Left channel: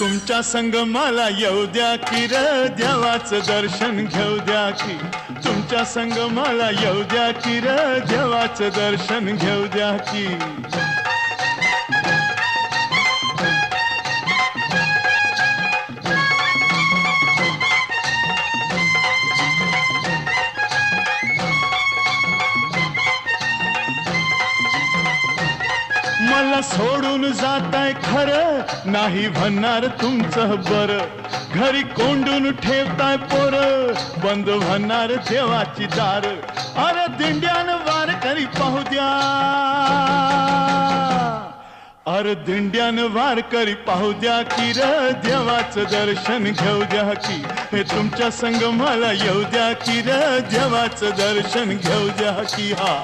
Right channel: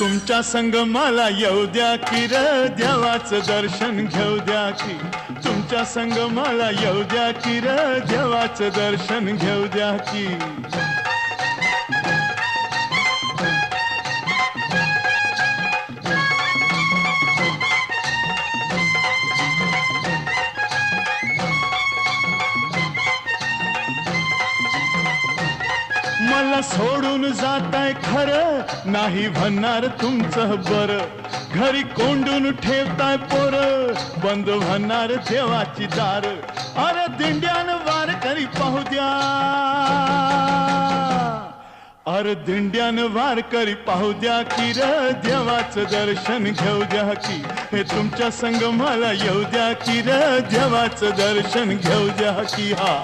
तुमच्या संग मला येऊ द्या की र देवाचं दर्शन घेऊ द्या की तुमच्या संग मला येऊ द्या की र देवाचं दर्शन घेऊ द्या की मला सोडून जाताय खरं नाही म्हणणार तुमचं बरं घरी कोंडून ठेवताय पोर बंद म्हणणार देवाची दार अरे दिंड्यानं वारकरी पाहू द्या अरे दिंड्यानं वारकरी पाहू द्या की र देवाचं दर्शन घेऊ द्या की हे तुमच्या संग मला येऊ द्या की र देवाचं दर्शन घेऊ द्या की हा